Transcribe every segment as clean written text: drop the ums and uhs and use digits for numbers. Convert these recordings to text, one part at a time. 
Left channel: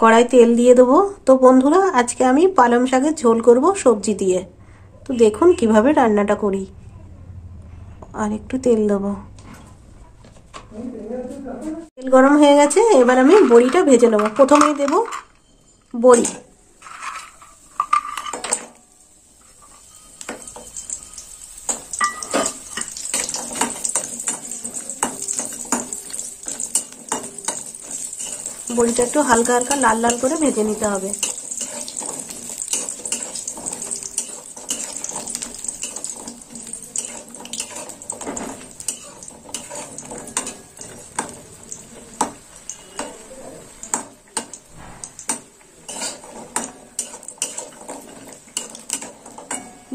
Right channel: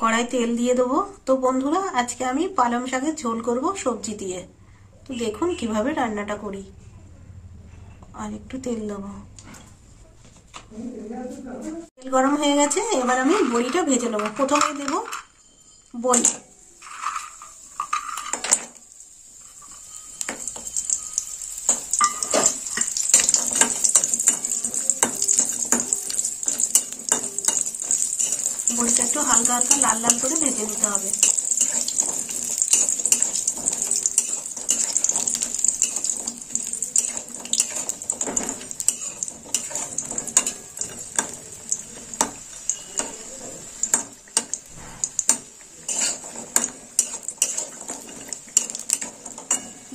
কড়াই তেল দিয়ে দেবো। তো বন্ধুরা, আজকে আমি পালং শাকের ঝোল করব সবজি দিয়ে। তো দেখুন কিভাবে রান্নাটা করি। আর একটু তেল দেবো। তেল গরম হয়ে গেছে, এবার আমি বড়িটা ভেজে নেবো। প্রথমেই দেবো বড়ি। বড়িটা একটু হালকা হালকা লাল লাল করে ভেজে নিতে হবে।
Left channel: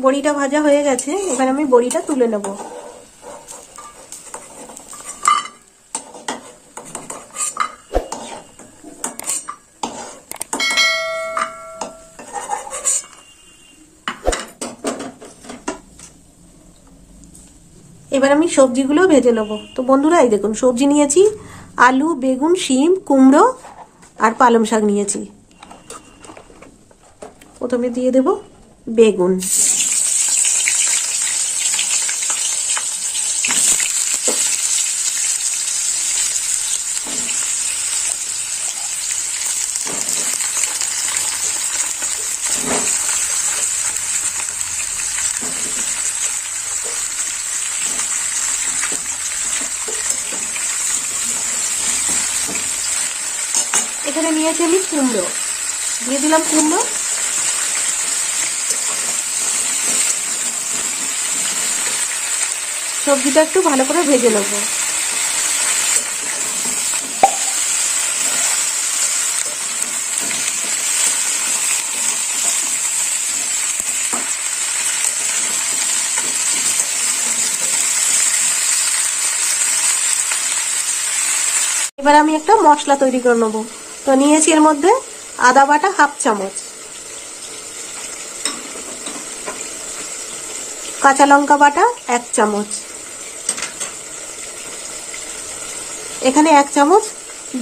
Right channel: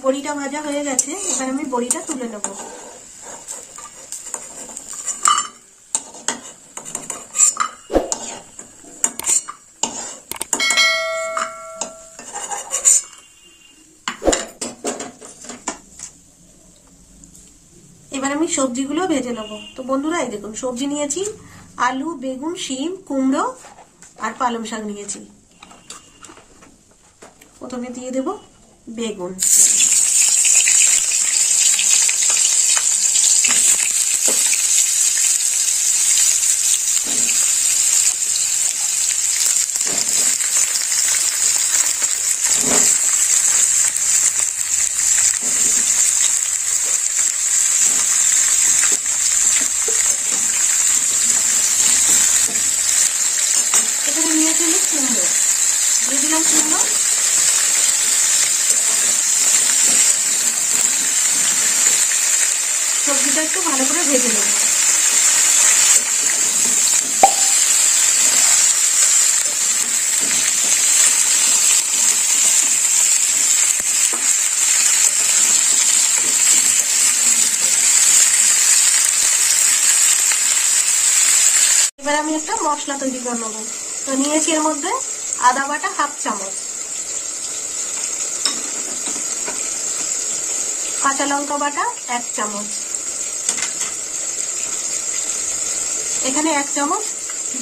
বড়িটা ভাজা হয়ে গেছে, এবার আমি বড়িটা তুলে নেব। এবার আমি সবজিগুলো ভেজে নেব। তো বন্ধুরা, এই দেখুন সবজি নিয়েছি আলু, বেগুন, শিম, কুমড়ো আর পালং শাক নিয়েছি। প্রথমে দিয়ে দেব বেগুন। এখানে নিয়েছি আমি কুমড়ো, দিয়ে দিলাম কুমড়ো। সবজিটা একটু ভালো করে ভেজে নেব। এবার আমি একটা মশলা তৈরি করে নেবো। তো নিয়েছি এর মধ্যে আদা বাটা হাফ চামচ, কাঁচা লঙ্কা বাটা 1 চামচ, এখানে 1 চামচ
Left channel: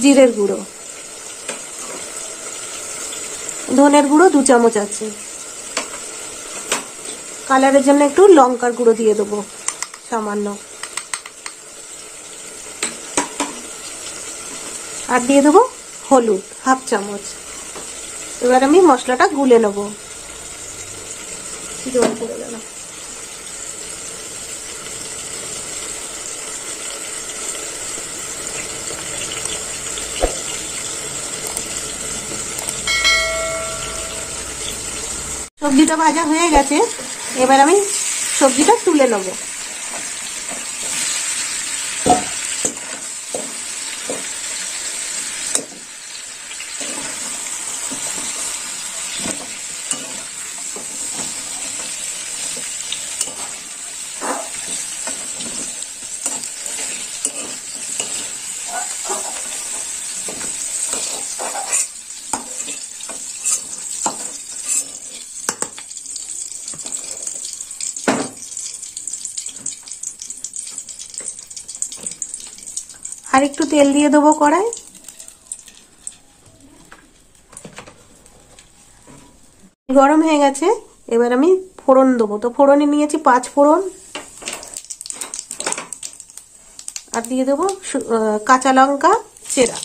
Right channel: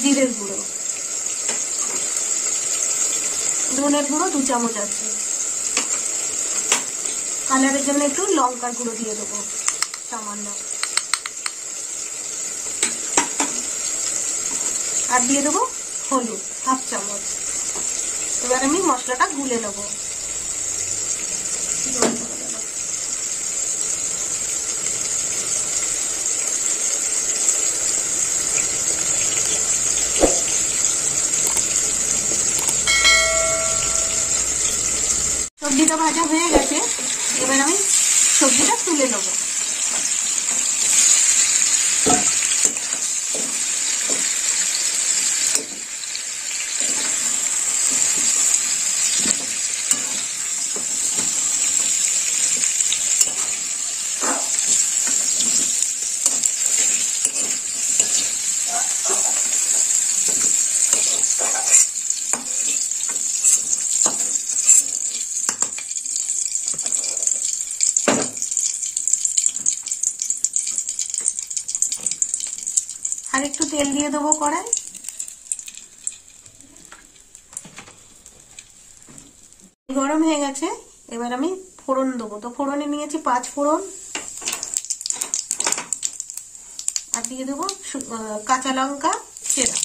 জিরের গুঁড়ো, ধনের গুঁড়ো 2 চামচ আছে, কালারের জন্য একটু লঙ্কার গুঁড়ো দিয়ে দেবো সামান্য, আর দিয়ে দেবো হলুদ হাফ চামচ। এবার আমি মশলাটা গুলে নেব। জল পড়ে গেল। সবজিটা ভাজা হয়ে গেছে, এবার আমি সবজিটা তুলে নেব। আর একটু তেল দিয়ে দেবো কড়াই। গরম হয়ে গেছে, এবার আমি ফোড়ন দেবো। তো ফোড়নে নিয়েছি 5 ফোড়ন, আর দিয়ে দেবো কাঁচা লঙ্কা চেরা।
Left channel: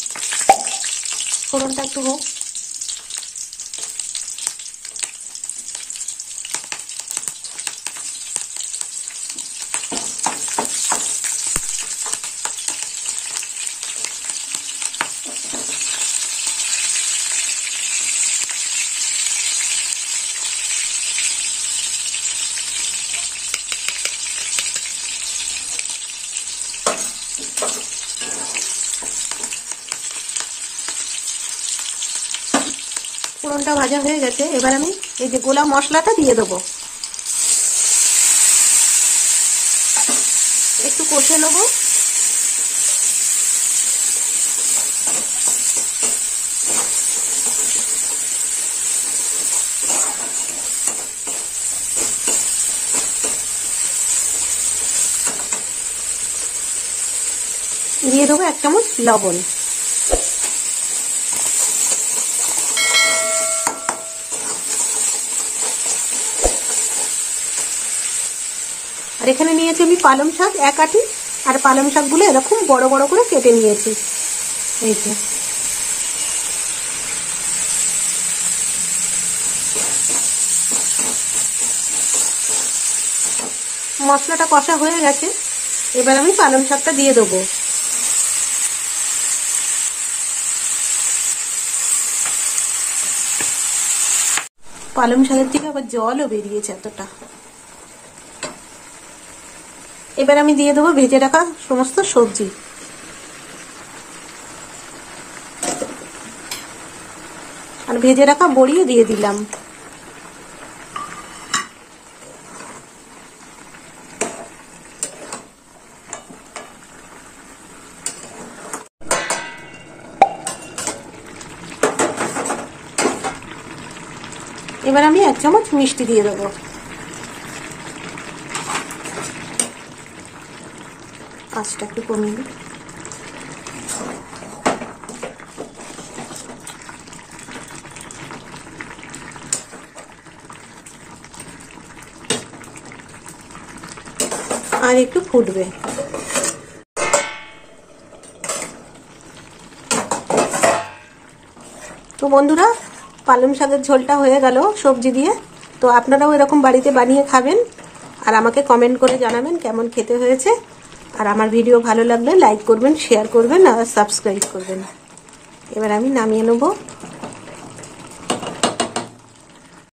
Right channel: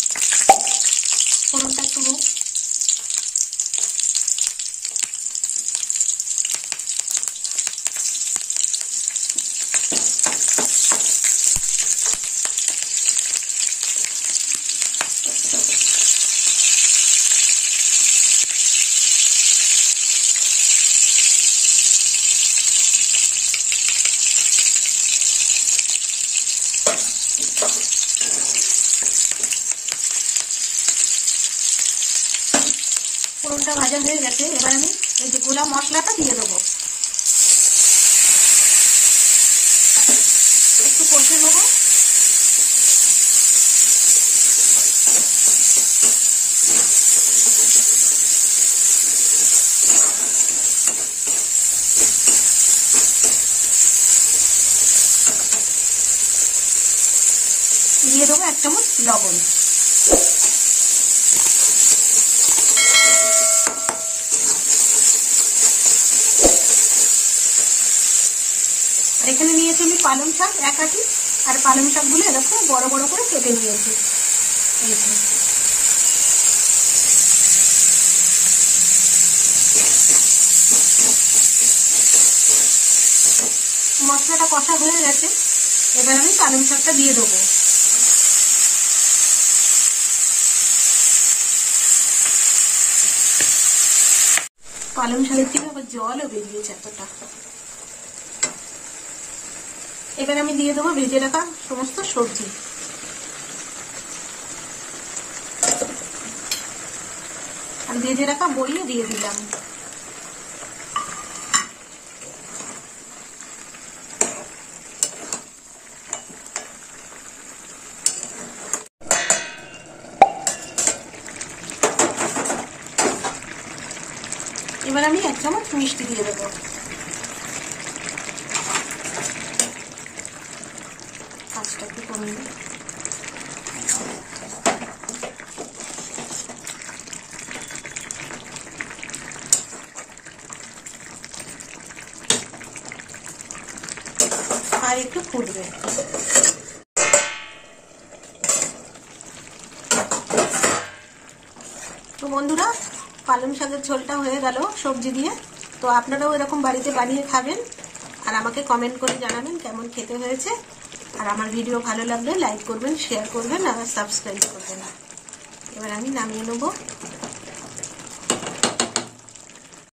ফোড়নটা একটু হোক। ফোড়নটা ভাজা হয়ে গেছে, এবার আমি এই যে গোলা মশলাটা দিয়ে দেবো। একটু কষে নেবো। দিয়ে দেবো 1 চামচ লবণ। এখানে নিয়েছি আমি পালং শাক 1 আটি, আর পালং শাকগুলো এরকম বড় বড় করে কেটে নিয়েছি। এই যে মশলাটা কষা হয়ে গেছে, এবার আমি পালং শাকটা দিয়ে দেবো। পালং শাকের থেকে আবার জলও বেরিয়েছে এতটা। এবার আমি দিয়ে দেবো ভেজে রাখা সমস্ত সবজি। আর ভেজে রাখা বড়িও দিয়ে দিলাম। এবার আমি 1 চামচ মিষ্টি দিয়ে দেবো। আঁচটা একটু কমিয়ে দিই। আর একটু ফুটবে। তো বন্ধুরা, পালং শাকের ঝোলটা হয়ে গেল সবজি দিয়ে। তো আপনারাও এরকম বাড়িতে বানিয়ে খাবেন, আর আমাকে কমেন্ট করে জানাবেন কেমন খেতে হয়েছে। আর আমার ভিডিও ভালো লাগলে লাইক করবেন, শেয়ার করবেন আর সাবস্ক্রাইব করবেন। এবার আমি নামিয়ে নেবো।